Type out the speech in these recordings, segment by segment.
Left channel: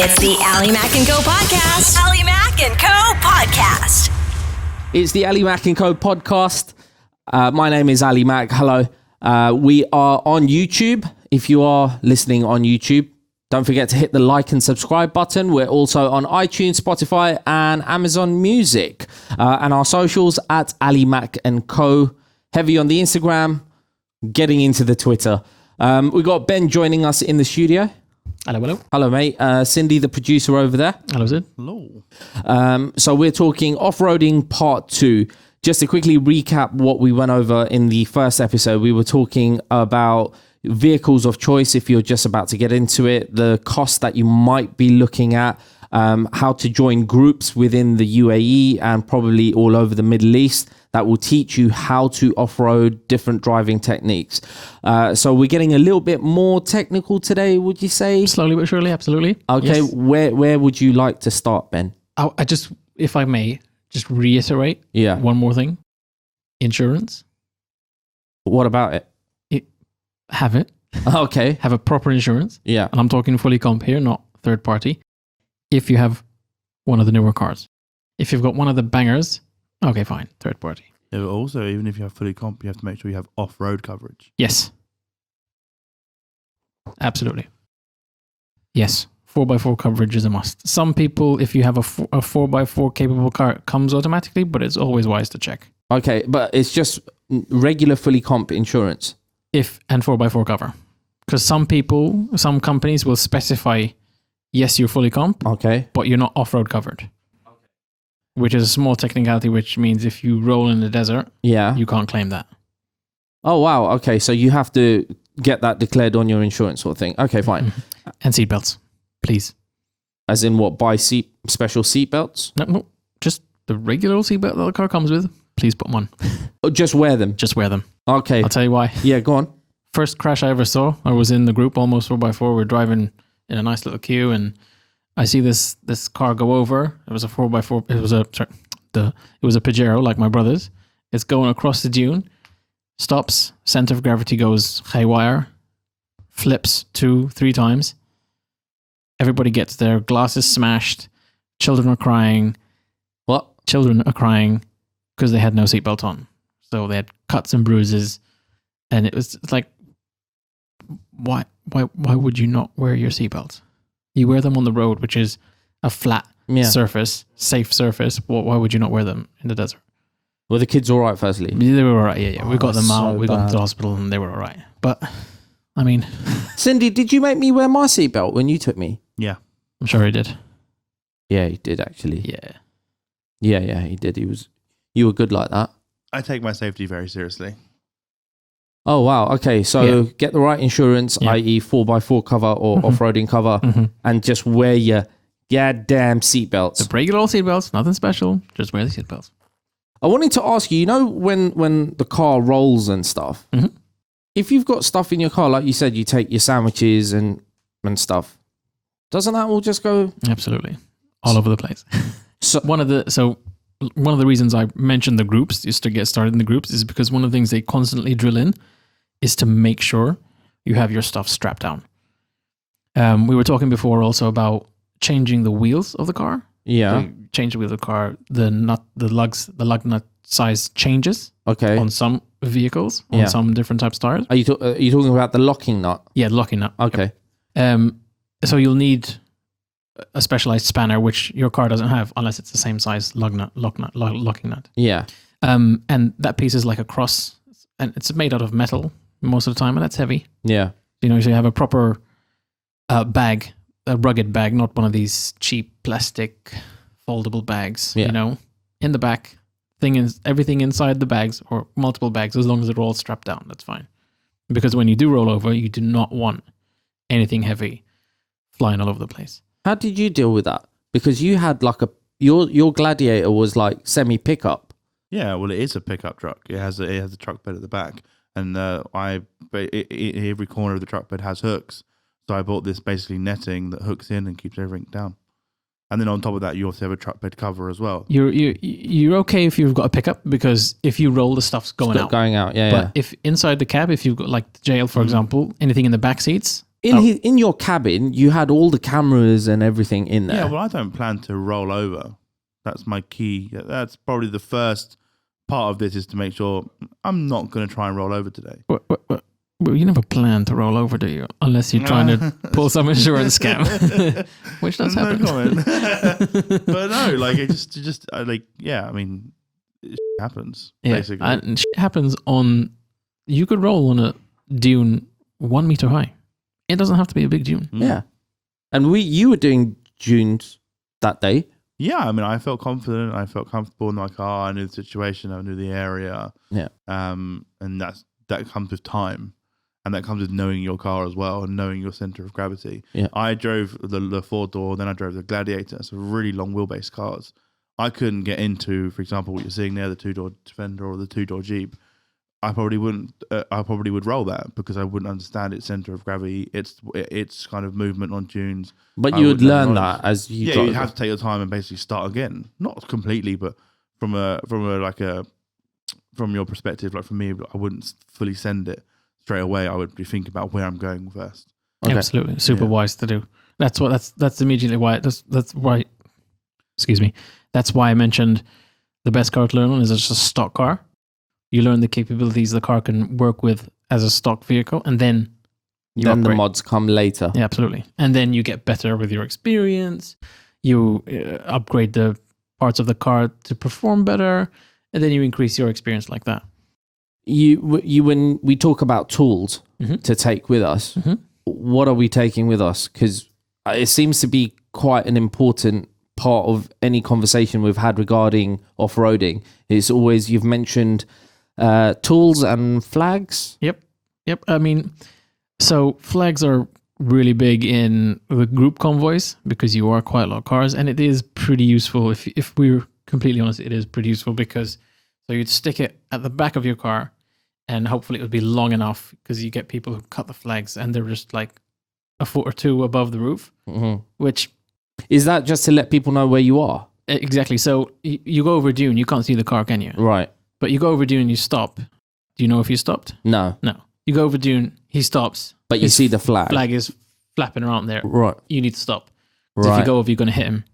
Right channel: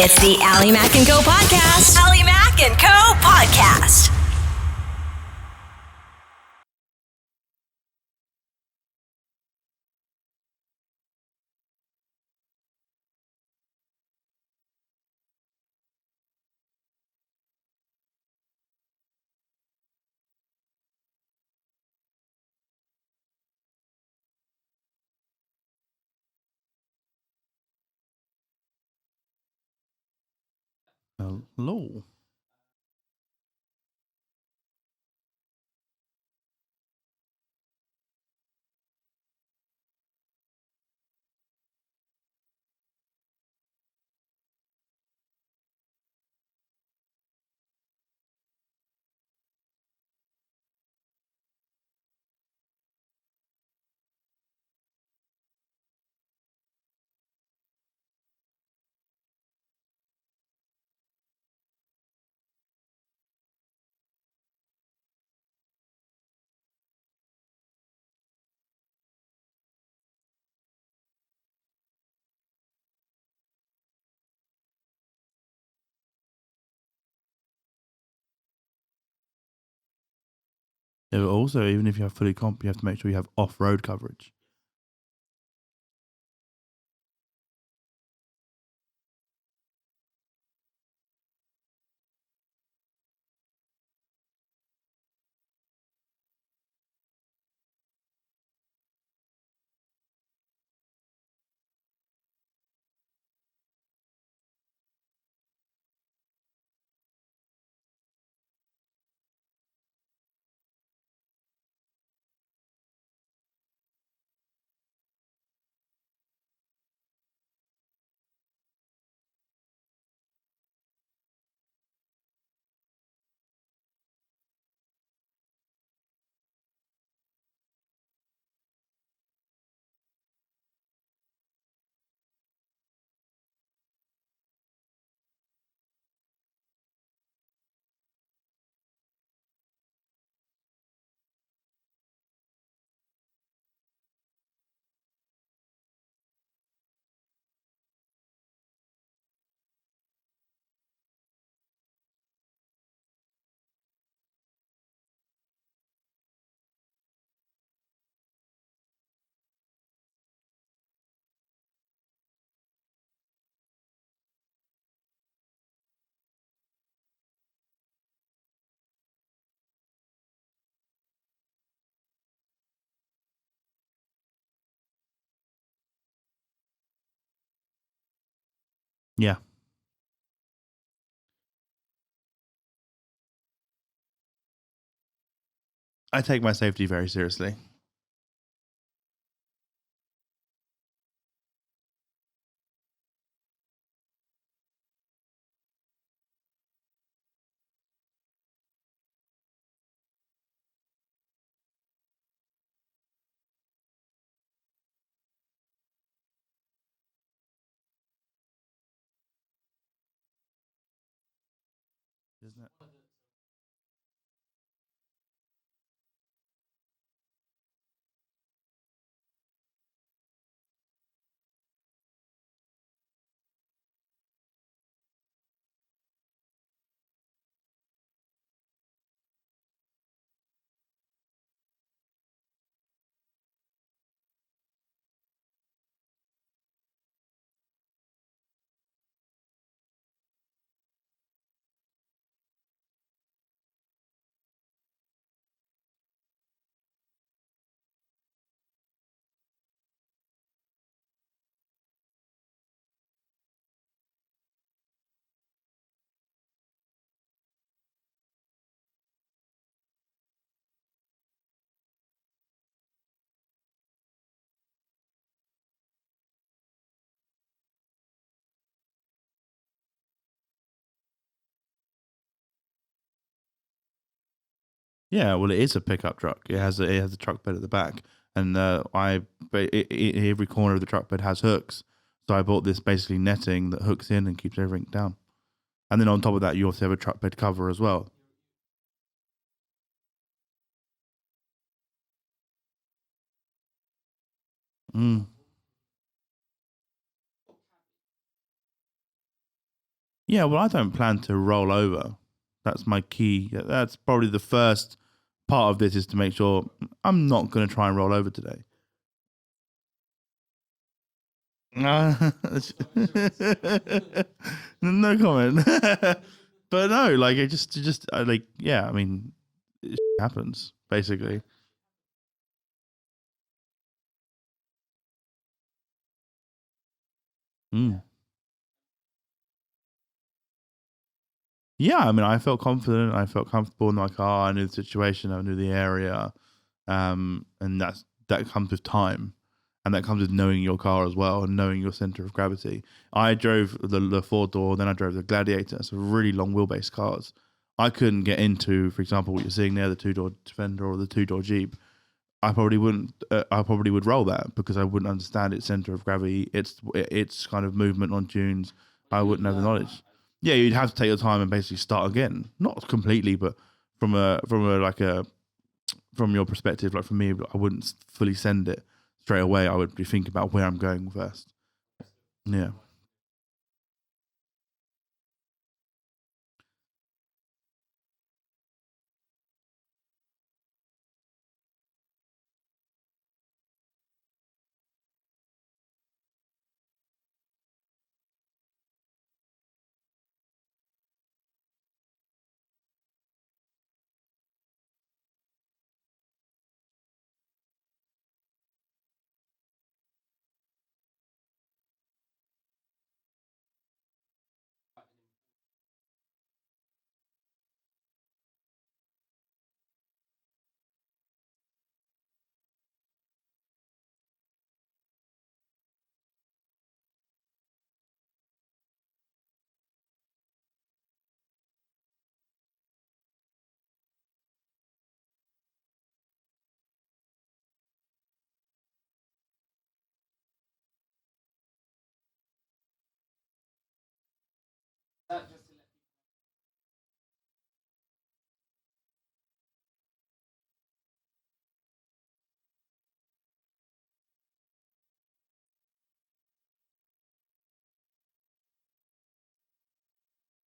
It's the Ali Mac & Co. podcast. Ali Mac & Co. podcast. It's the Ali Mac & Co. podcast. My name is Ali Mac. Hello. We are on YouTube. If you are listening on YouTube, don't forget to hit the like and subscribe button. We're also on iTunes, Spotify, and Amazon Music. And our socials at Ali Mac & Co. Heavy on the Instagram, getting into the Twitter. We got Ben joining us in the studio. Hello, hello. Hello, mate. Cindy, the producer over there. Hello, Sid. Hello. So we're talking off-roading part 2. Just to quickly recap what we went over in the first episode, we were talking about vehicles of choice if you're just about to get into it, the cost that you might be looking at, how to join groups within the U.A.E. and probably all over the Middle East that will teach you how to off-road different driving techniques. So we're getting a little bit more technical today, would you say? Slowly but surely, absolutely. Okay, Yes. where would you like to start, Ben? I just, if I may, just reiterate one more thing. Insurance. What about it? Have it. Okay. Have a proper insurance. Yeah. And I'm talking fully comp here, not third party. If you have one of the newer cars. If you've got one of the bangers, okay, fine, third party. Yeah, but also, even if you have fully comp, you have to make sure you have off-road coverage. Yes. Absolutely. Yes. 4x4 coverage is a must. Some people, if you have a 4x4 capable car, it comes automatically, but it's always wise to check. Okay, but it's just regular fully comp insurance. If and 4x4 cover. Because some companies will specify, yes, you're fully comp, Okay. but you're not off-road covered. Which is a small technicality, which means if you roll in the desert, Yeah. you can't claim that. Oh, wow. Okay, so you have to get that declared on your insurance sort of thing. Okay, fine. And seatbelts, please. As in what, buy special seat belts? No, just the regular old seatbelt that the car comes with. Please put them on. Or just wear them? Just wear them. Okay. I'll tell you why. Yeah, go on. First crash I ever saw, I was in the group, almost 4x4. We're driving in a nice little queue, and I see this car go over. It was a 4x4. It was a Pajero, like my brother's. It's going across the dune, stops, center of gravity goes haywire, flips 2-3 times. Everybody gets there. Glass is smashed. Children are crying. What? Children are crying because they had no seatbelt on. So they had cuts and bruises, and it's like, why would you not wear your seatbelt? You wear them on the road, which is a flat surface, safe surface. Why would you not wear them in the desert? Were the kids all right, firstly? They were all right, yeah. We got them so out, we got them to bad. the hospital, and they were all right. But, I mean, Cindy, did you make me wear my seatbelt when you took me? Yeah. I'm sure he did. Yeah, he did, actually. Yeah. Yeah, he did. You were good like that. I take my safety very seriously. Oh, wow. Okay, so get the right insurance, i.e. 4x4 cover or off-roading cover, and just wear your goddamn seatbelts. The regular old seatbelts, nothing special. Just wear the seatbelts. I wanted to ask you, when the car rolls and stuff, if you've got stuff in your car, like you said, you take your sandwiches and stuff, doesn't that all just go? Absolutely. All over the place. So One of the reasons I mentioned the groups, just to get started in the groups, is because one of the things they constantly drill in is to make sure you have your stuff strapped down. We were talking before also about changing the wheels of the car. Yeah. So change the wheels of the car. The lug nut size changes Okay. on some vehicles, on some different types of tires. Are you talking about the locking nut? Yeah, locking nut. Okay. So you'll need a specialized spanner, which your car doesn't have unless it's the same size locking nut. Yeah. And that piece is like a cross, and it's made out of metal most of the time, and that's heavy. Yeah. So you have a proper bag, a rugged bag, not one of these cheap plastic foldable bags. Yeah. In the back, everything inside the bags or multiple bags, as long as they're all strapped down, that's fine. Because when you do roll over, you do not want anything heavy flying all over the place. How did you deal with that? Because you had like your Gladiator was like semi pickup. Yeah, well, it is a pickup truck. It has a truck bed at the back, and every corner of the truck bed has hooks. So I bought this basically netting that hooks in and keeps everything down. And then on top of that, you also have a truck bed cover as well. You're okay if you've got a pickup, because if you roll, the stuff's going out. Going out, yeah. But if inside the cab, if you've got like the jail, for example, anything in the back seats, in your cabin, you had all the cameras and everything in there. Yeah, well, I don't plan to roll over. That's my key. That's probably the first part of this, is to make sure I'm not going to try and roll over today. Well, you never plan to roll over, do you? Unless you're trying to pull some insurance scam, which does happen. No comment. But no, like it just like, yeah. I mean, it happens basically. And shit happens on. You could roll on a dune 1 meter high. It doesn't have to be a big dune. Yeah, and you were doing dunes that day. Yeah, I mean, I felt confident. I felt comfortable in my car. I knew the situation. I knew the area. Yeah. And that comes with time. And that comes with knowing your car as well and knowing your center of gravity. Yeah. I drove the 4-door, then I drove the Gladiator. So really long wheelbase cars. I couldn't get into, for example, what you're seeing there, the 2-door Defender or the 2-door Jeep. I probably would roll that because I wouldn't understand its center of gravity, its kind of movement on dunes. But you would learn that as you. Yeah, you'd have to take your time and basically start again. Not completely, but from your perspective, like for me, I wouldn't fully send it straight away. I would be thinking about where I'm going first. Okay. Absolutely, super wise to do. That's immediately why. That's why. Excuse me. That's why I mentioned the best car to learn on is just a stock car. You learn the capabilities the car can work with as a stock vehicle, and then the mods come later. Yeah, absolutely. And then you get better with your experience. You upgrade the parts of the car to perform better, and then you increase your experience like that. You when we talk about tools to take with us, what are we taking with us? Because it seems to be quite an important part of any conversation we've had regarding off-roading. It's always, you've mentioned tools and flags. Yep. I mean, so flags are really big in the group convoys because you are quite a lot of cars, and it is pretty useful. If we're completely honest, it is pretty useful because so you'd stick it at the back of your car, and hopefully it would be long enough because you get people who cut the flags and they're just like a foot or two above the roof, which is that just to let people know where you are? Exactly. So you go over dune, you can't see the car, can you? Right. But you go over dune, you stop. Do you know if you stopped? No. You go over dune, he stops. But you see the flag. Flag is flapping around there. Right. You need to stop. So if you go over, you're going to hit him.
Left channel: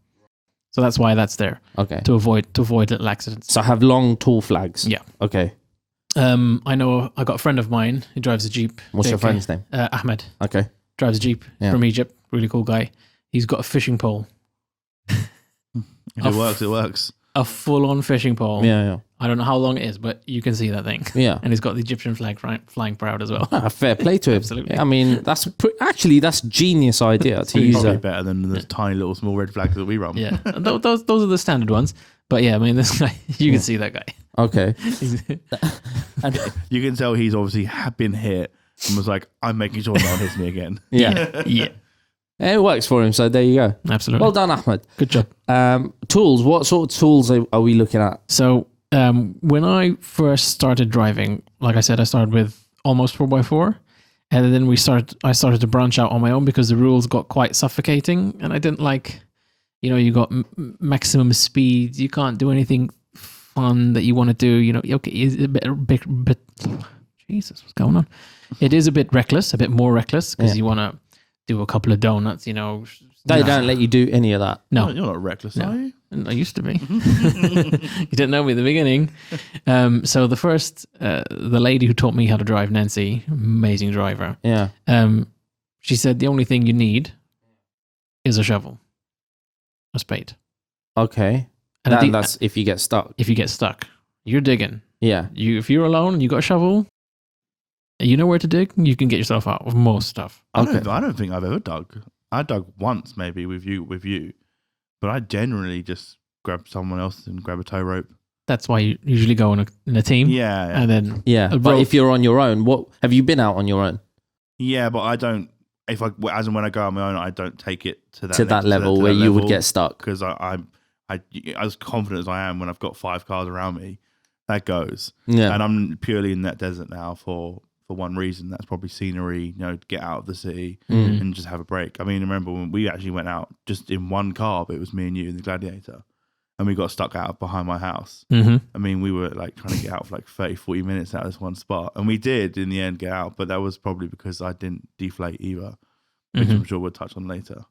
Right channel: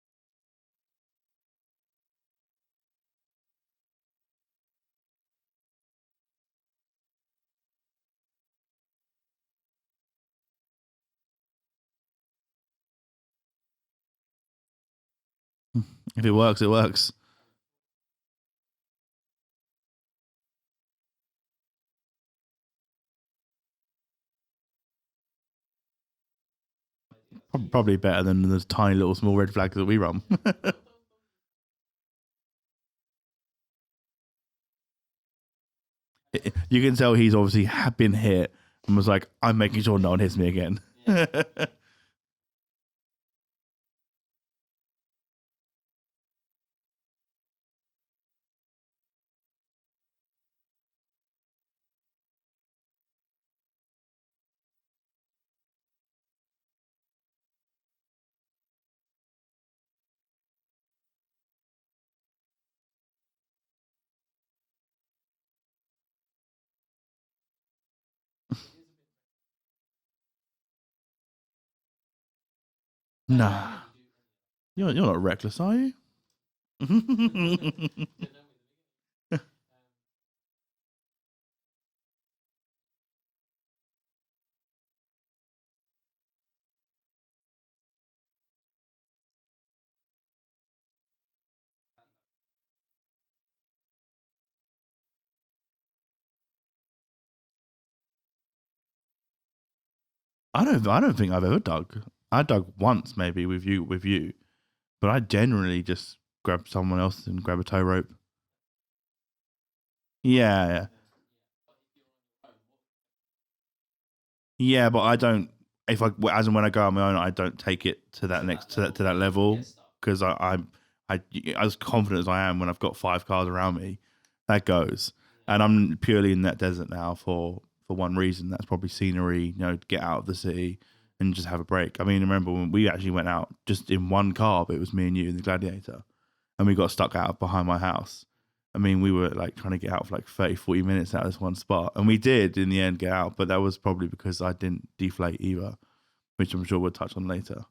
So that's why that's there. Okay. To avoid little accidents. So have long, tall flags. Yeah. Okay. I know I got a friend of mine who drives a Jeep. What's your friend's name? Ahmed. Okay. Drives a Jeep from Egypt. Really cool guy. He's got a fishing pole. If it works, it works. A full-on fishing pole. Yeah. I don't know how long it is, but you can see that thing. Yeah. And he's got the Egyptian flag flying proud as well. Fair play to him. Absolutely. I mean, that's genius idea to use. Probably better than the tiny little small red flags that we run. Yeah. Those are the standard ones. But yeah, I mean, this guy, you can see that guy. Okay. You can tell he's obviously been hit and was like, I'm making sure no one hits me again. Yeah. Yeah. It works for him, so there you go. Absolutely. Well done, Ahmed. Good job. Tools. What sort of tools are we looking at? So when I first started driving, like I said, I started with almost 4x4. And then I started to branch out on my own because the rules got quite suffocating. And I didn't like, you got maximum speed. You can't do anything fun that you want to do. Okay, it's a bit Jesus, what's going on? It is a bit reckless, a bit more reckless because you want to do a couple of donuts, They don't let you do any of that. No. You're not reckless, are you? I used to be. You didn't know me at the beginning. So the first, the lady who taught me how to drive, Nancy, amazing driver. Yeah. She said the only thing you need is a shovel, a spade. Okay. And that's if you get stuck. If you get stuck, you're digging. Yeah. If you're alone and you got a shovel, you know where to dig, you can get yourself out of most stuff. I don't think I've ever dug. I dug once maybe with you, but I generally just grab someone else and grab a tow rope. That's why you usually go in a team. Yeah. And then but if you're on your own, what have you been out on your own? Yeah, but I don't. If I as and when I go on my own, I don't take it to that level where you would get stuck because I'm as confident as I am when I've got 5 cars around me. That goes. Yeah. And I'm purely in that desert now for one reason. That's probably scenery, get out of the city and just have a break. I mean, remember when we actually went out just in one car, but it was me and you in the Gladiator, and we got stuck out behind my house. Mm-hmm. I mean, we were like trying to get out for like 30, 40 minutes out of this one spot, and we did in the end get out, but that was probably because I didn't deflate either. which I'm sure we'll touch on later.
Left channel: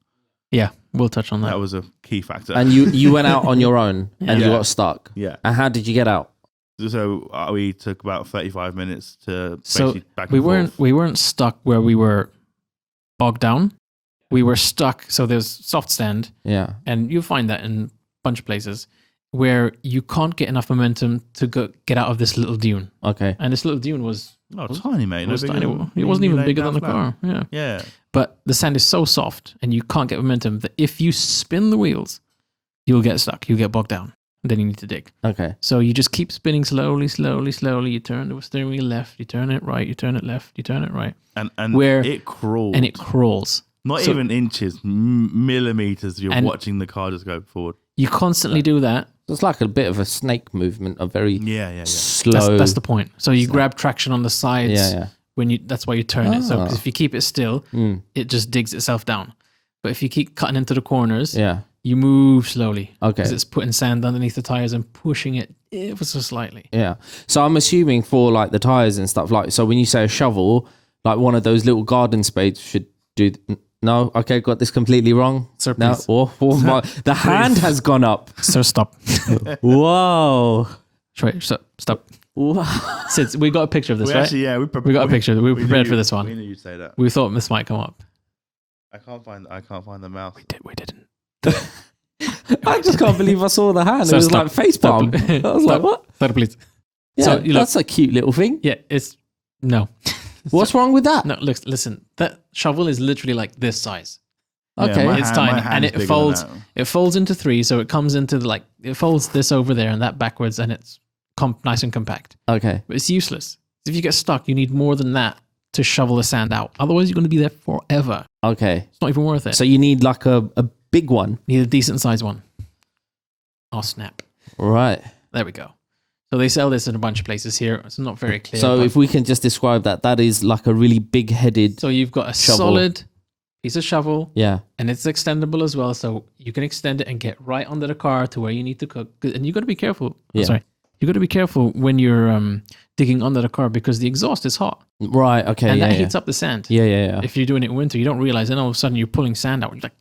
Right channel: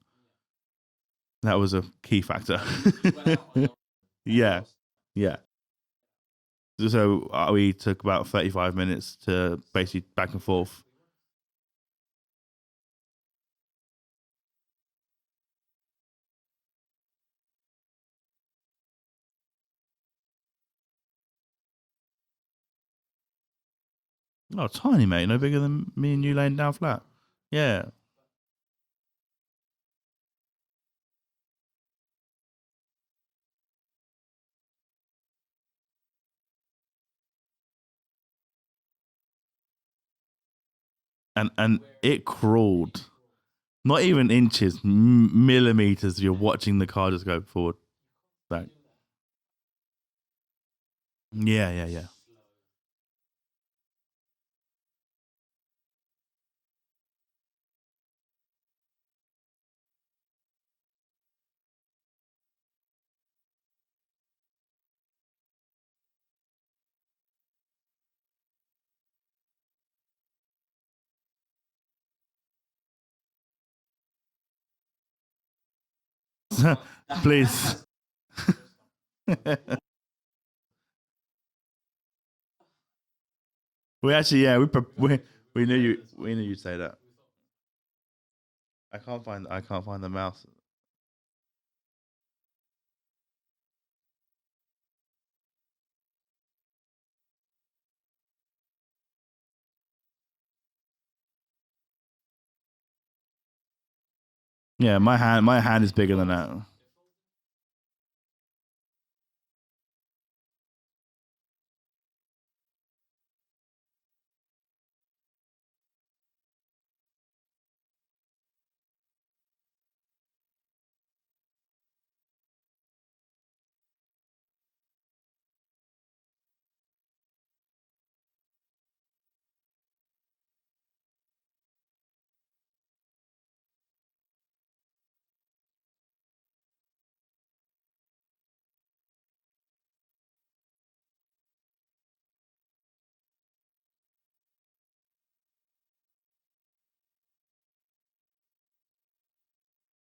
Yeah, we'll touch on that. That was a key factor. And you went out on your own and you Yeah. got stuck. Yeah. And how did you get out? So we took about 35 minutes to basically back and forth. We weren't stuck where we were bogged down. We were stuck. So there's soft stand, Yeah. and you'll find that in a bunch of places where you can't get enough momentum to get out of this little dune. Okay. And this little dune was Oh, tiny, mate. No bigger than it wasn't even bigger than the flat. car. Yeah. Yeah. But the sand is so soft and you can't get momentum that if you spin the wheels, you'll get stuck. You'll get bogged down. And then you need to dig. Okay. So you just keep spinning slowly. You turn the steering wheel left, you turn it right, you turn it left, you turn it right. And Where- it crawled. And it crawls. Not So- even inches, millimeters. You're And- watching the car just go forward. You constantly do that. It's like a bit of a snake movement, a very Yeah. slow. That's the point. So you grab traction on the sides. Yeah. That's why you turn it. So 'cause Ah. if you keep it still, Mm. it just digs itself down. But if you keep cutting into the corners, Yeah. you move slowly. Okay. Because it's putting sand underneath the tires and pushing it ever so slightly. Yeah. So I'm assuming for like the tires and stuff, like, so when you say a shovel, like one of those little garden spades should do. No, okay, got this completely wrong. Sir, No, please. the hand has gone up. Sir, stop. Whoa. Wait, stop. Wow. Sid, we got a picture of this, We right? actually, yeah, we got a picture. We were knew prepared you- for this one. We knew you'd say that. We thought this might come up. I can't find the mouse. We didn't. I just can't believe I saw the hand. So it was stop. like face palm. Stop. I was like, what? Sir, please. Yeah, So, you look- that's a cute little thing. Yeah, it's no. What's wrong with that? No, listen. That shovel is literally like this size. Yeah, Okay. my It's hand, tiny, my and hand is it bigger folds. than that. It folds into three, so it comes into it folds this over there and that backwards, and it's nice and compact. Okay. But it's useless. If you get stuck, you need more than that to shovel the sand out. Otherwise, you're going to be there forever. Okay. It's not even worth it. So you need like a big one. You need a decent sized one. Oh snap! Right. There we go. So they sell this in a bunch of places here. It's not very clear. So but- if we can just describe that is like a really big headed. so you've got a shovel. solid piece of shovel. Yeah. And it's extendable as well, so you can extend it and get right under the car to where you need to cook. And you got to be careful. Yeah. Sorry, you got to be careful when you're digging under the car because the exhaust is hot Right. Okay. and yeah, that yeah. heats up the sand. Yeah. If you're doing it in winter, you don't realize, and all of a sudden you're pulling sand out. You're like,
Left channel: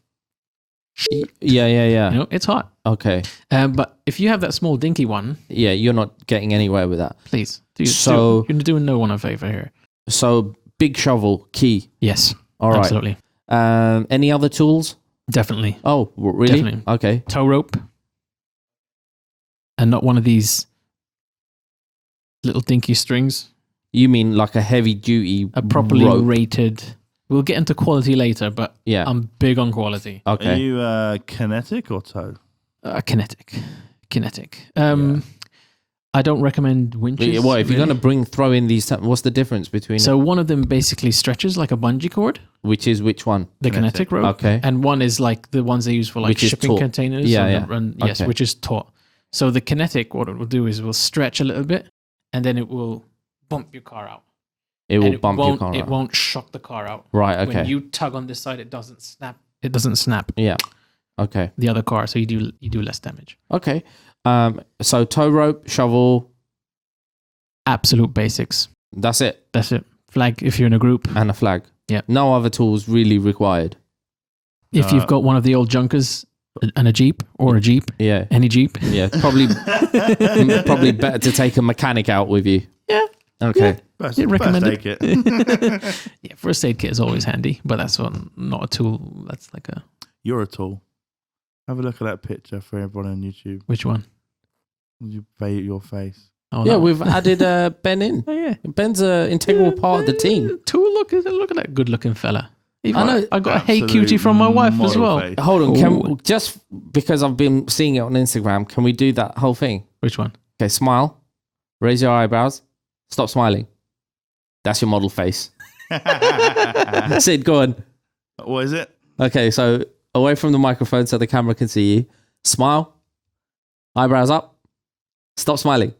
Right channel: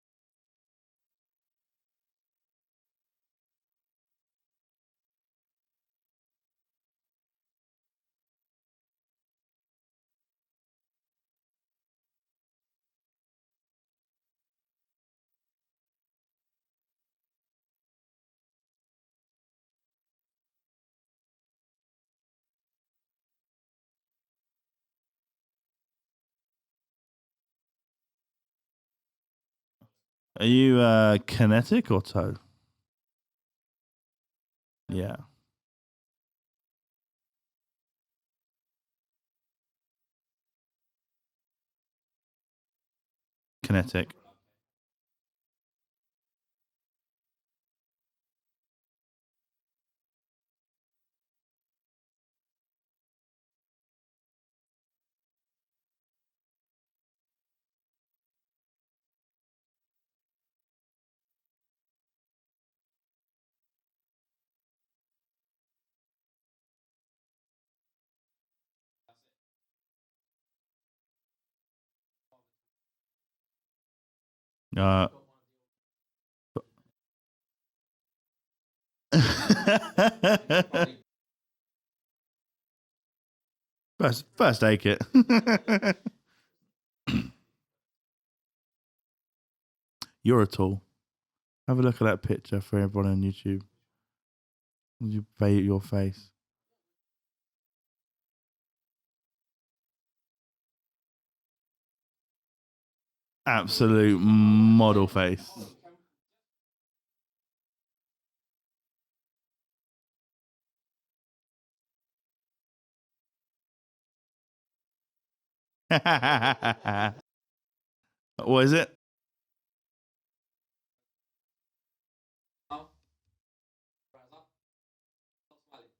Yeah. you know, it's hot. Okay. But if you have that small dinky one, Yeah, you're not getting anywhere with that. please So- you're doing no one a favor here. So big shovel, key. Yes, All right. absolutely, Any other tools? definitely. Oh, really? Definitely. Okay. Tow rope, and not one of these little dinky strings. You mean like a heavy duty A properly rope? rated. We'll get into quality later, but Yeah. I'm big on quality. Okay. Are you kinetic or tow? Kinetic. Yeah. I don't recommend winches. What if you're really. going to throw in these? What's the difference between? So one of them basically stretches like a bungee cord, Which is which one? the Kinetic. kinetic rope, Okay. and one is like the ones they use for like Which is shipping taut. containers. Yeah, and yeah. and yes, Okay. which is taut. So the kinetic, what it will do is it will stretch a little bit, and then it will bump your car out. It will And bump your won't- car It out. won't shock the car out. Right. When Okay. you tug on this side, it doesn't snap. It doesn't snap Yeah. Okay. the other car, so you do less damage. Okay. So tow rope, shovel. Absolute basics. That's it, That's it. Flag if you're in a group. and a flag. Yeah. No other tools really required. If Uh, you've got one of the old junkers and a Jeep or a Jeep, Yeah. any Jeep. Yeah. Probably better to take a mechanic out with you. Yeah. Okay. First, Yeah, first recommend aid kit. Yeah, first aid kit is always handy, but that's not a tool. That's like a You're a tool. Have a look at that picture for everyone on YouTube. which one? You bait your face. Oh, Yeah, that one. we've added Ben in. Oh, yeah. Ben's an integral part of the team. Tool, look at that good looking fella. I know. I got a hey Absolute cutie from my wife as model well. face. Hold on, Ooh. just because I've been seeing it on Instagram, can we do that whole thing? Which one? Okay, smile, raise your eyebrows, stop smiling. That's your model face. Sid, go on. What is it? Okay, so away from the microphone so the camera can see you. Smile, eyebrows up, stop smiling.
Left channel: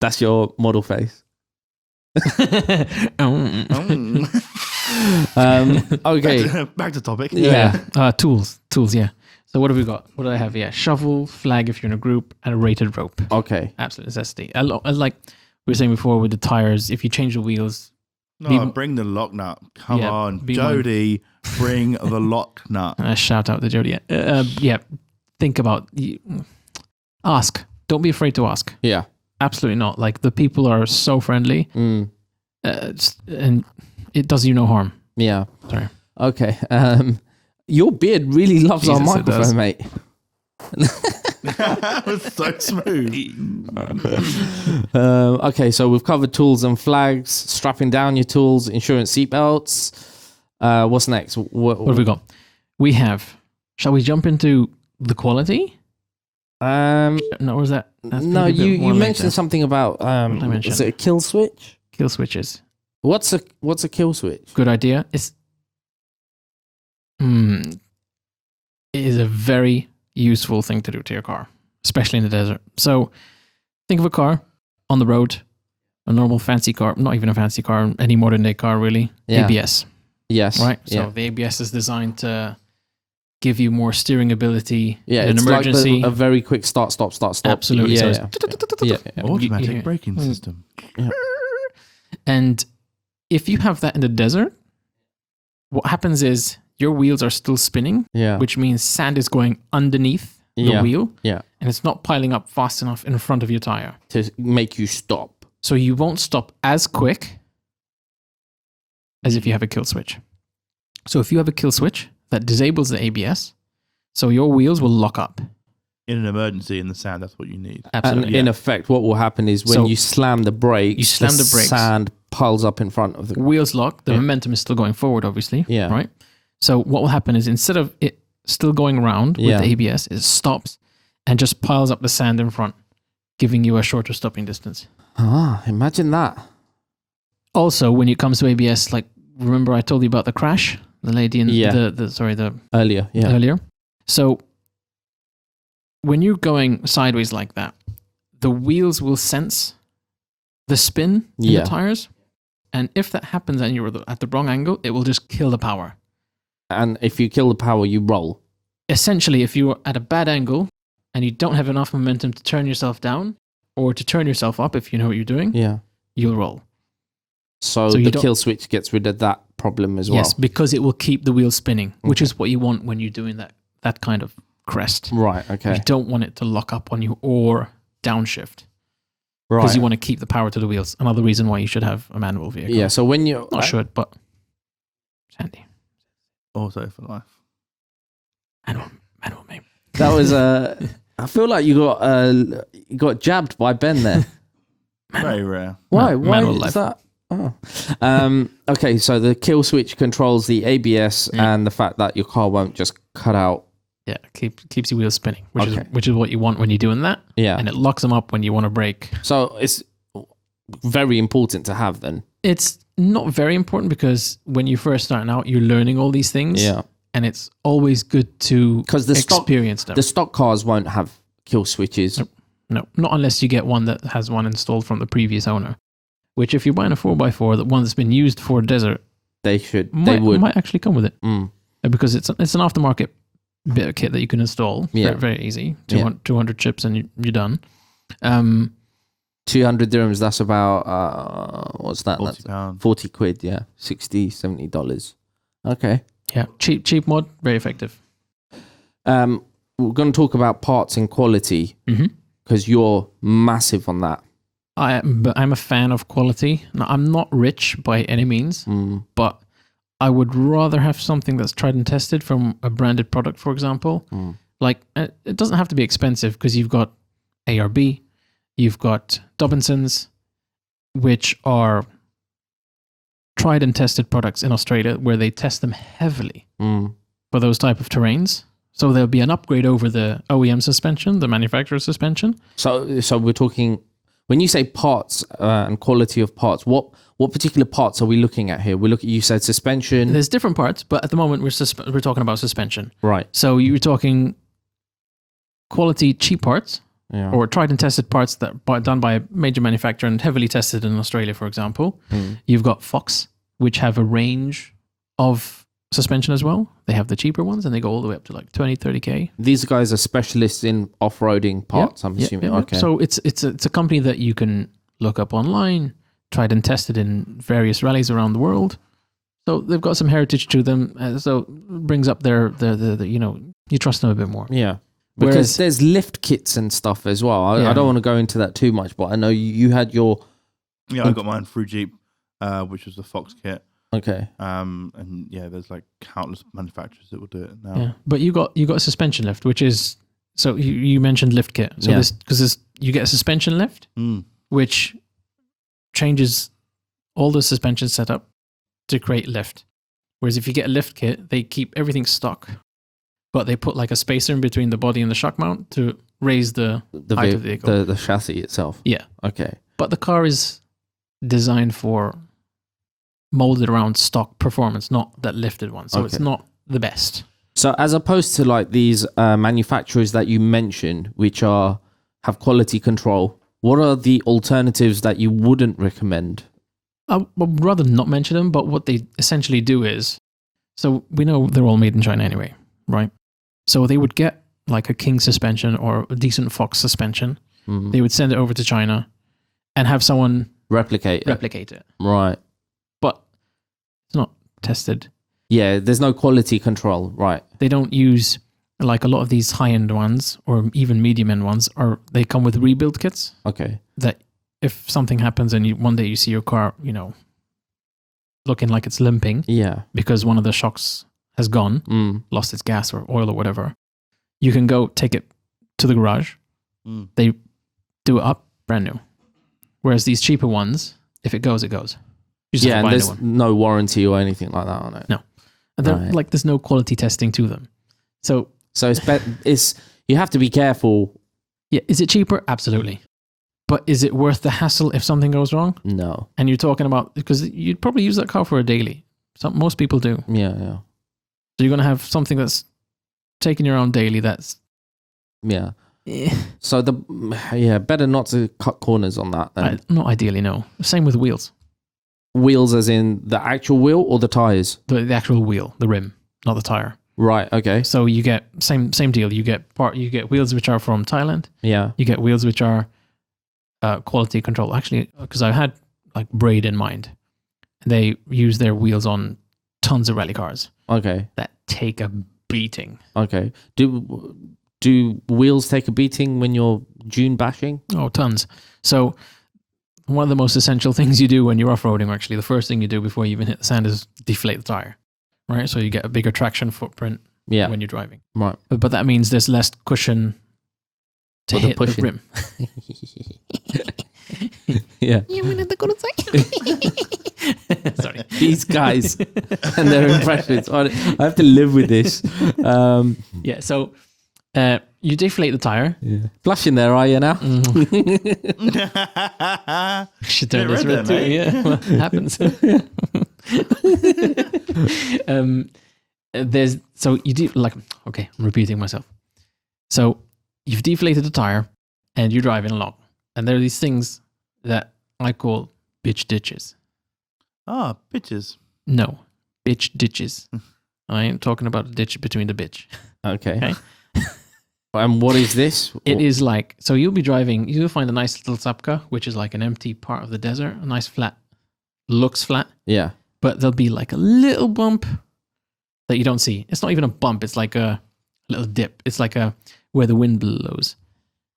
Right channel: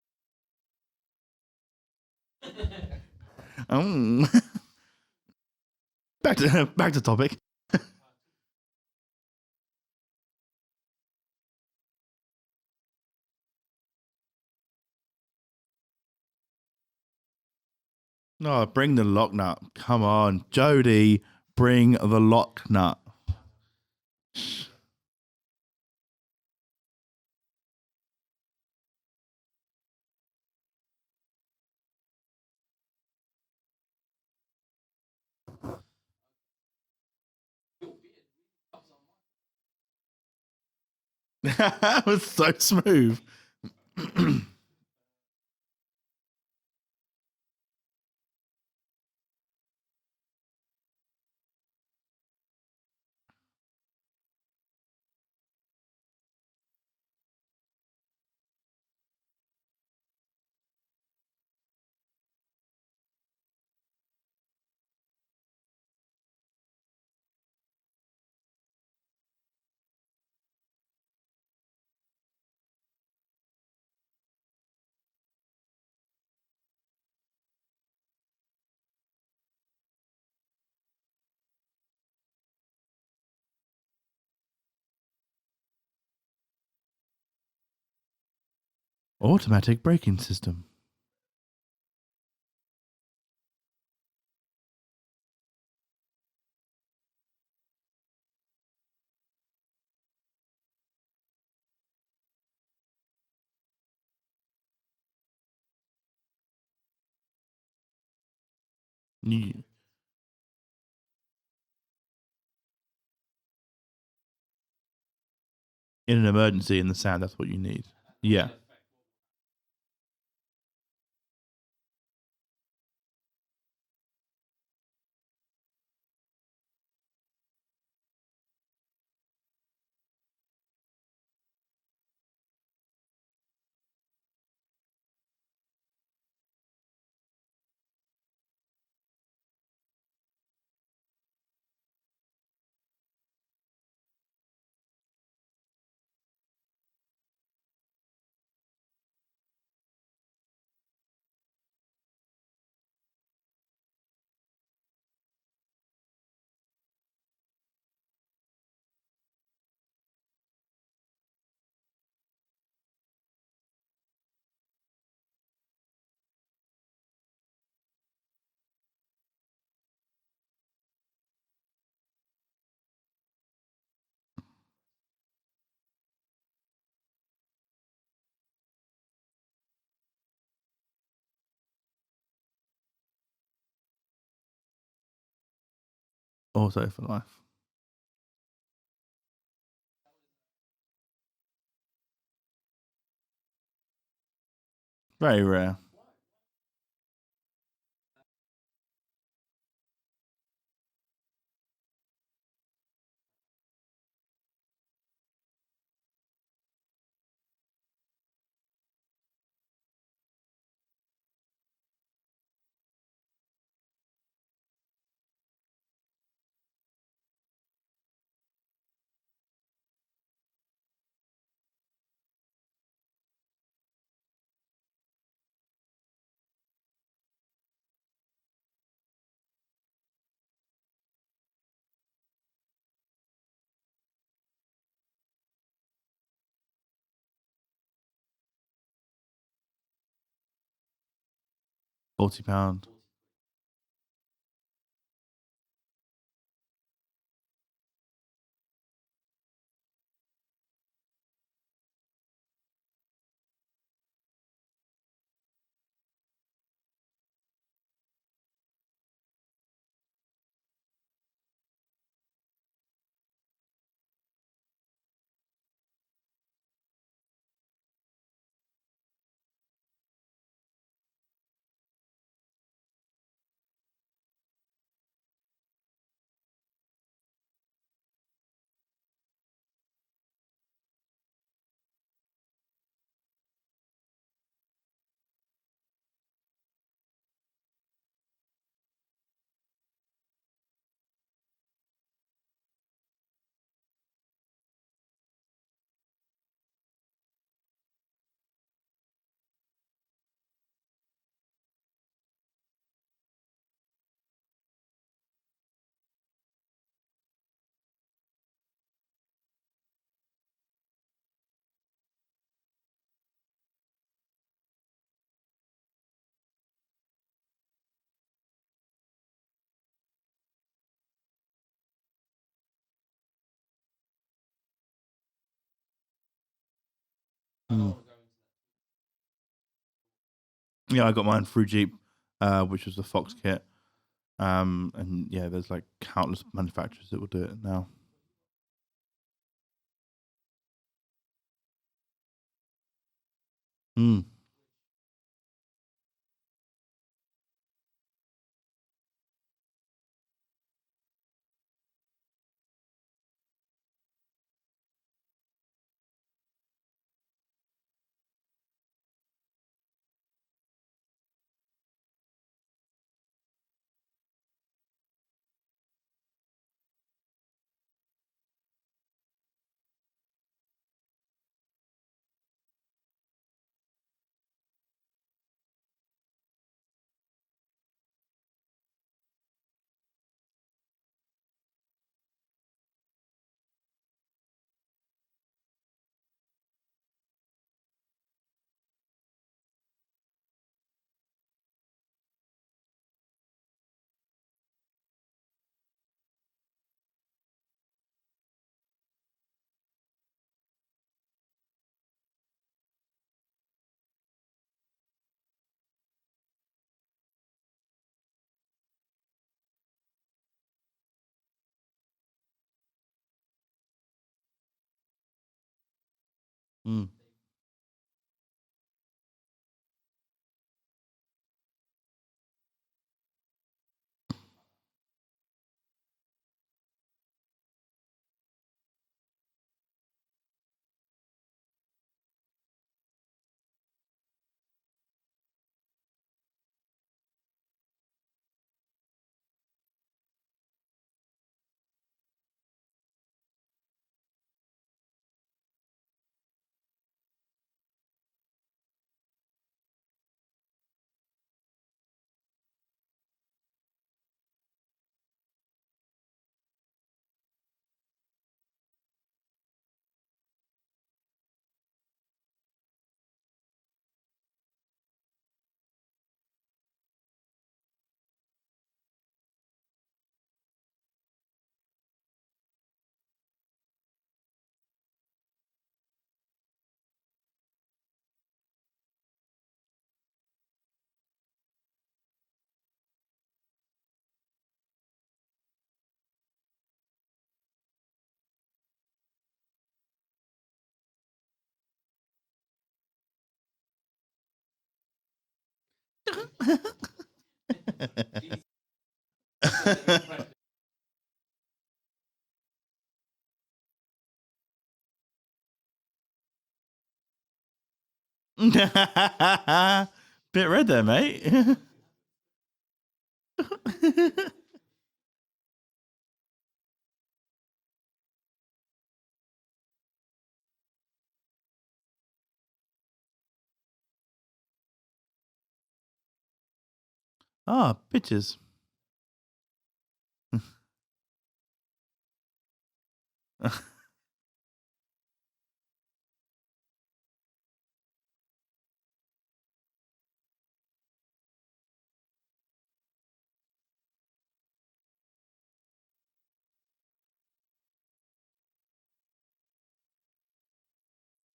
That's your model face. Oh. Okay. Back to topic. Yeah. Tools, yeah. So what have we got? What do I have? Yeah, shovel, flag if you're in a group, and a rated rope. Okay. Absolute necessity. Like we were saying before with the tires, if you change the wheels, No, bring the lock nut. Come Yeah, on, be Jody, bring the lock nut. Shout out to Jody. Yeah, think about ask. Don't be afraid to ask. Yeah. Absolutely not. Like the people are so friendly, and it does you no harm. Yeah. Sorry. Okay. Your beard really loves our Jesus, it does. microphone, mate. That was so smooth. Okay, so we've covered tools and flags, strapping down your tools, insurance seatbelts. What's next? What have we got? We have. Shall we jump into the quality? No, or is that? No, you mentioned something about is it a kill switch? Kill switches. What's a kill switch? Good idea. It is a very useful thing to do to your car, especially in the desert. So think of a car on the road, a normal fancy car, not even a fancy car, any modern day car really. Yeah. ABS. Yes. Right? So Yeah. the ABS is designed to give you more steering ability Yeah, in an it's emergency. like a very quick start, stop. Absolutely. Yeah, So yeah. Automatic braking system. And if you have that in the desert, what happens is your wheels are still spinning, Yeah. which means sand is going underneath the Yeah. wheel, Yeah. and it's not piling up fast enough in front of your tire. To make you stop. So you won't stop as quick as if you have a kill switch. So if you have a kill switch that disables the ABS, so your wheels will lock up. In an emergency in the sand, that's what you need. And Absolutely. in effect, what will happen is when So you slam the brakes, you slam the brakes. sand piles up in front of the. Wheels lock, the Yeah. momentum is still going forward, obviously. Yeah. Right? So what will happen is instead of it still going around with Yeah. the ABS, it stops and just piles up the sand in front, giving you a shorter stopping distance. Imagine that. Also, when it comes to ABS, like remember I told you about the crash, the lady in Yeah. the Earlier, yeah. earlier. So when you're going sideways like that, the wheels will sense the spin in Yeah. the tires, and if that happens and you're at the wrong angle, it will just kill the power. And if you kill the power, you roll. Essentially, if you're at a bad angle and you don't have enough momentum to turn yourself down or to turn yourself up, if you know what you're doing, Yeah. you'll roll. So So you the don't- kill switch gets rid of that problem as well. Yes, because it will keep the wheels spinning, which Okay. is what you want when you're doing that kind of crest. Right. Okay. You don't want it to lock up on you or downshift Right. because you want to keep the power to the wheels. Another reason why you should have a manual vehicle. Yeah. So when you Not should, but it's handy. Also for life. Manual, mate. that was I feel like you got jabbed by Ben there. Very rare. Why? Ma- Why manual is life. that? Oh. Okay, so the kill switch controls the ABS and the fact that your car won't just cut out. Yeah, keeps your wheels spinning, which Okay. is what you want when you're doing that. Yeah. And it locks them up when you want to brake. So it's very important to have then. It's not very important because when you're first starting out, you're learning all these things. Yeah. And it's always good to 'Cause the stock- experience them. The stock cars won't have kill switches. No, not unless you get one that has one installed from the previous owner. Which, if you're buying a 4x4, the one that's been used for desert, They would. might actually come with it. Mm. Because it's an aftermarket bit of kit that you can install. Yeah. Very, very easy. Yeah. 200 chips and you're done. 200 dirhams, that's about, what's that? That's £40. 40 quid, yeah. $60, $70. Okay. Yeah, cheap mod, very effective. We're going to talk about parts and quality Mm-hmm. because you're massive on that. But I'm a fan of quality. Now, I'm not rich by any means, but I would rather have something that's tried and tested from a branded product, for example. Like, it doesn't have to be expensive because you've got ARB, you've got Dobinsons, which are tried and tested products in Australia where they test them heavily for those type of terrains. So there'll be an upgrade over the OEM suspension, the manufacturer suspension. So we're talking, when you say parts and quality of parts, what particular parts are we looking at here? You said suspension. There's different parts, but at the moment we're talking about suspension. Right. So you're talking quality cheap parts Yeah. or tried and tested parts that are done by a major manufacturer and heavily tested in Australia, for example. You've got Fox, which have a range of suspension as well. They have the cheaper ones and they go all the way up to like 20, 30K. These guys are specialists in off-roading parts, I'm assuming. Yeah. Okay. So it's a company that you can look up online, tried and tested in various rallies around the world. So they've got some heritage to them. So it brings up their you trust them a bit more. Yeah. Because Whereas, there's lift kits and stuff as well. I don't want to go into that too much, but I know you had your... Yeah, I got mine through Jeep, which was the Fox kit. Okay. And yeah, there's like countless manufacturers that will do it now. yeah. But you got a suspension lift, which is, so you mentioned lift kit. So you get a suspension lift, which changes all the suspension setup to create lift. Whereas if you get a lift kit, they keep everything stock, but they put like a spacer in between the body and the shock mount to raise the height of the vehicle. The chassis itself. Yeah. Okay. But the car is designed for molded around stock performance, not that lifted one. So it's not the best. So as opposed to like these manufacturers that you mentioned, which have quality control, what are the alternatives that you wouldn't recommend? I would rather not mention them, but what they essentially do is, so we know they're all made in China anyway, right? So they would get like a King suspension or a decent Fox suspension. Mm-hmm. They would send it over to China and have someone replicate it. Right. But it's not tested. Yeah, there's no quality control. Right. They don't use, like a lot of these high-end ones or even medium-end ones, they come with rebuild kits. Okay. That if something happens and one day you see your car, looking like it's limping. Yeah. Because one of the shocks has gone, lost its gas or oil or whatever, you can go take it to the garage. They do it up brand new. Whereas these cheaper ones, if it goes, it goes. You just have to buy a new there's one. no warranty or anything like that on it. No. And like there's no quality testing to them. So it's you have to be careful. Yeah, is it cheaper? Absolutely. But is it worth the hassle if something goes wrong? No. And you're talking about, because you'd probably use that car for a daily. Most people do. Yeah. So you're going to have something that's taking you around daily that's... Yeah. So better not to cut corners on that then. Not ideally, no. Same with wheels. Wheels as in the actual wheel or the tires? The actual wheel, the rim, not the tire. Right, okay. So you get same deal. You get wheels which are from Thailand. Yeah. You get wheels which are quality control. Actually, because I had like Braid in mind. They use their wheels on tons of rally cars. Okay. That take a beating. Okay. Do wheels take a beating when you're dune bashing? Oh, tons. So one of the most essential things you do when you're off-roading, actually, the first thing you do before you even hit the sand is deflate the tire, right? So you get a bigger traction footprint when you're driving. Right. But that means there's less cushion to hit the rim. Yeah. Sorry. These guys and their impressions. I have to live with this. Yeah, so you deflate the tire. Yeah. Flushing there, are you now? Should Bit red there, mate. Yeah, well, it happens. I'm repeating myself. So you've deflated the tire and you're driving along, and there are these things that I call bitch ditches. Ah, bitches. No, bitch ditches. I ain't talking about a ditch between the bitch. Okay. And what is this? It is like, so you'll be driving, you'll find a nice little sapka, which is like an empty part of the desert, a nice flat, looks flat. Yeah. But there'll be like a little bump that you don't see. It's not even a bump. It's like a little dip. It's like where the wind blows.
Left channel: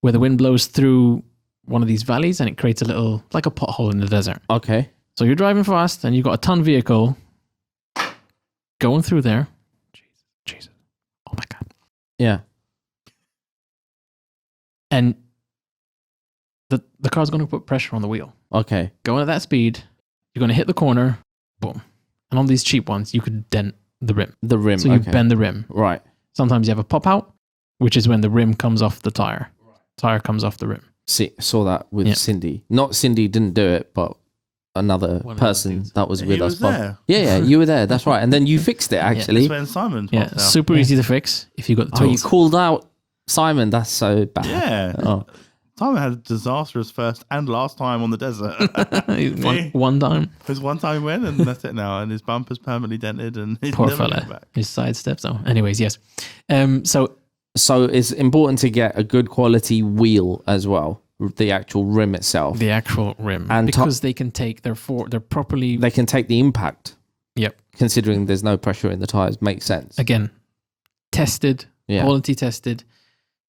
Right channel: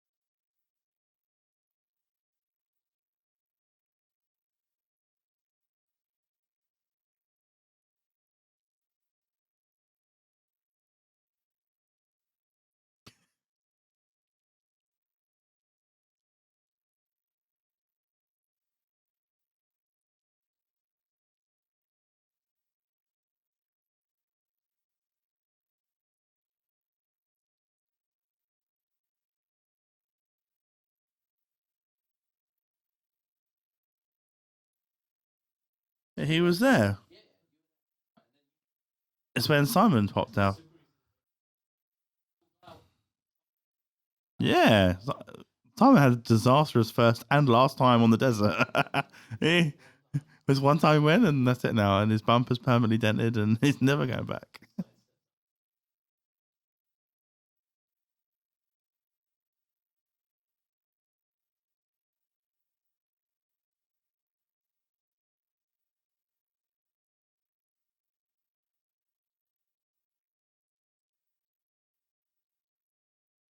Where the wind blows through one of these valleys and it creates a little, like a pothole in the desert. Okay. So you're driving fast and you've got a ton vehicle going through there. Jesus. Oh my God. Yeah. And the car's going to put pressure on the wheel. Okay. Going at that speed, you're going to hit the corner, boom. And on these cheap ones, you could dent the rim. The rim, so you bend the rim. Right. Sometimes you have a pop out, which is when the rim comes off the tire. Tire comes off the rim. See, saw that with Cindy. Not Cindy didn't do it, but another person that was with us. He was there. Yeah, you were there. That's right. And then you fixed it, actually. That's when Simon popped out. Super easy to fix if you got the tools. Oh, you called out Simon. That's so bad. Yeah. Oh. Simon had a disastrous first and last time on the desert. one time. It was one time he went, and that's it now. And his bumper's permanently dented, and he's Poor never fella. going back. His side steps. Oh, anyways, yes. So it's important to get a good quality wheel as well. the actual rim itself. The actual rim. And because they can take they're properly... They can take the impact. Yep. Considering there's no pressure in the tires, makes sense. Again, tested, quality tested.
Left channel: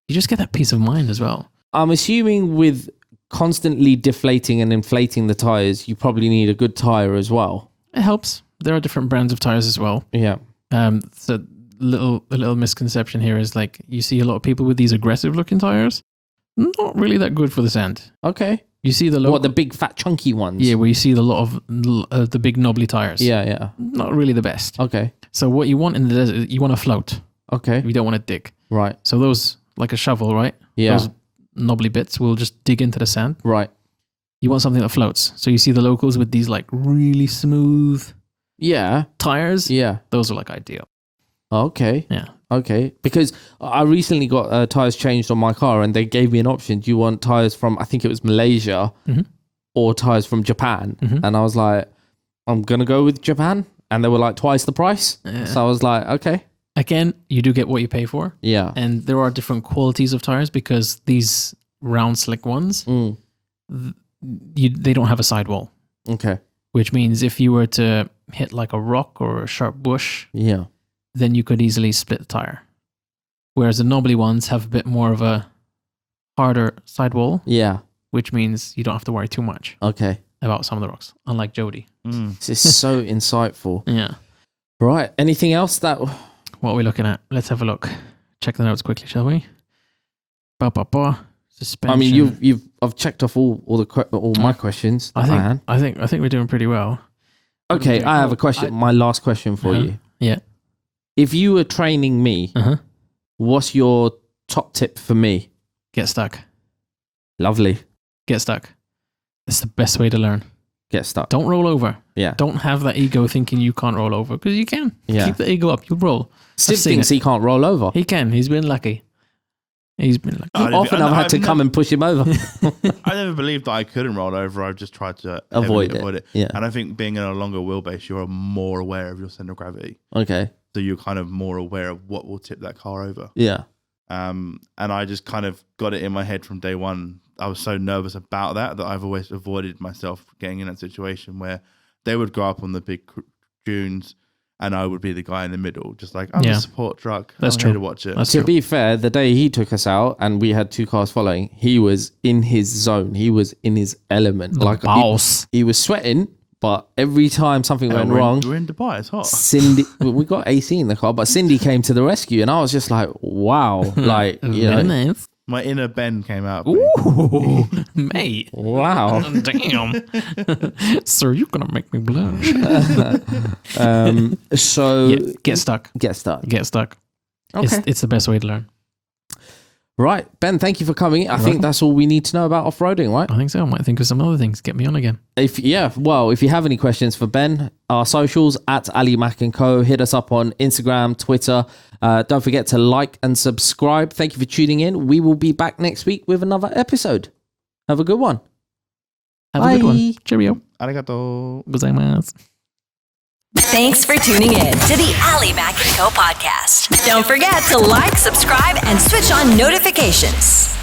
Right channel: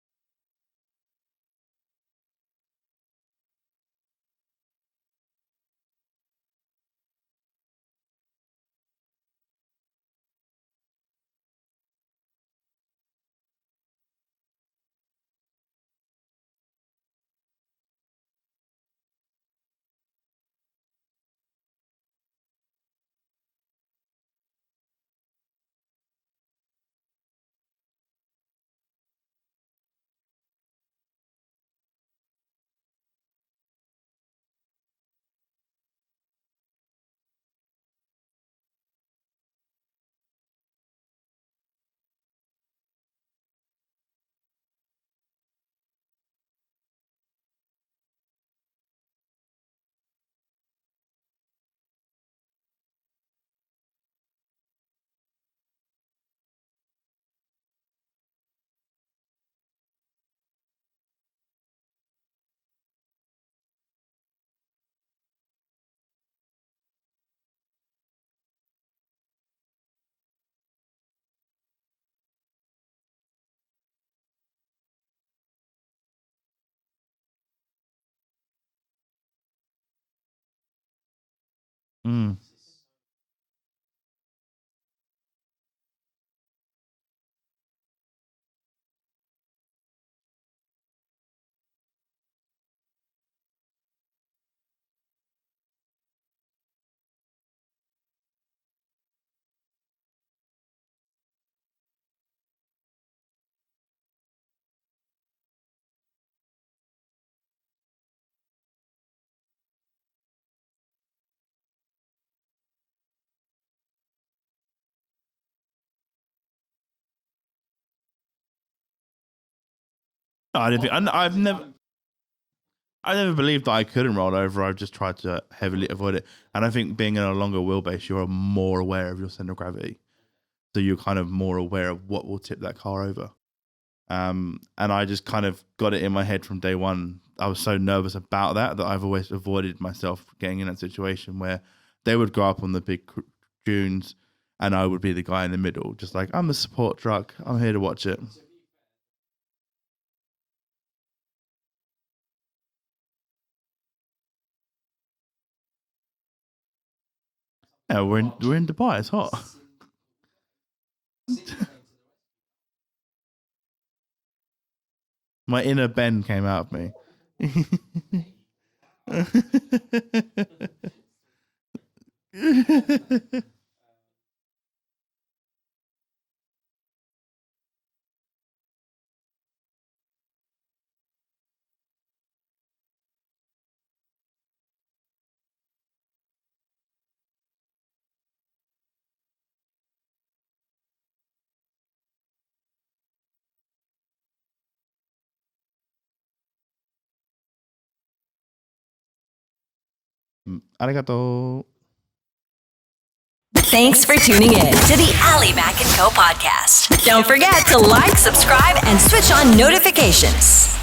You just get that peace of mind as well. I'm assuming with constantly deflating and inflating the tires, you probably need a good tire as well. It helps. There are different brands of tires as well. Yeah. So a little misconception here is like you see a lot of people with these aggressive looking tires, not really that good for the sand. Okay. You see the What, the big fat chunky ones? Yeah, where you see a lot of the big knobbly tires. Yeah. Not really the best. Okay. So what you want in the desert, you want to float. Okay. You don't want to dig. Right. So those, like a shovel, right? Yeah. Those knobbly bits will just dig into the sand. Right. You want something that floats. So you see the locals with these like really smooth tires. Yeah. Those are like ideal. Okay. Yeah. Okay. Because I recently got tires changed on my car, and they gave me an option. Do you want tires from, I think it was Malaysia, or tires from Japan? And I was like, I'm going to go with Japan. And they were like twice the price. Yeah. So I was like, okay. Again, you do get what you pay for. Yeah. And there are different qualities of tires because these round slick ones, they don't have a sidewall. Okay. Which means if you were to hit like a rock or a sharp bush, then you could easily split the tire. Whereas the knobbly ones have a bit more of a harder sidewall. Yeah. Which means you don't have to worry too much. Okay. About some of the rocks, unlike Jody. This is so insightful. Yeah. Right. Anything else that... What are we looking at? Let's have a look. Check the notes quickly, shall we? Suspension. I mean, I've checked off all my questions. I think we're doing pretty well. Okay, I have a question. My last question for you. Yeah. If you were training me, what's your top tip for me? Get stuck. Lovely. Get stuck. It's the best way to learn. Get stuck. Don't roll over. Yeah. Don't have that ego thinking you can't roll over, because you can. Yeah. Keep the ego up. You'll roll. Sid thinks he can't roll over. He can. He's been lucky. Often I've had to come and push him over. I never believed that I couldn't roll over. I've just tried to avoid it. Yeah. And I think being in a longer wheelbase, you're more aware of your center of gravity. Okay. So you're kind of more aware of what will tip that car over. Yeah. And I just kind of got it in my head from day one. I was so nervous about that I've always avoided myself getting in that situation where they would go up on the big dunes and I would be the guy in the middle, just like, I'm the support truck. I'm here to watch it. To be fair, the day he took us out and we had two cars following, he was in his zone. He was in his element. Like boss. He was sweating, but every time something went wrong... We're in Dubai, it's hot. Cindy, we got AC in the car, but Cindy came to the rescue and I was just like, wow. Like, you know. Nice. My inner Ben came out. Ooh, mate. Wow. Damn. Sir, you're going to make me blush. So... Get stuck. Get stuck. Get stuck. Okay. It's the best way to learn. Right. Ben, thank you for coming. I think that's all we need to know about off-roading, right? I think so. I might think of some other things. Get me on again. If you have any questions for Ben, our socials at Ali Mac & Co. Hit us up on Instagram, Twitter. Don't forget to like and subscribe. Thank you for tuning in. We will be back next week with another episode. Have a good one. Have a good one. Cheerio. Arigato. Gozaimasu. Thanks for tuning in to the Ali Mac & Co. podcast. Don't forget to like, subscribe, and switch on notifications.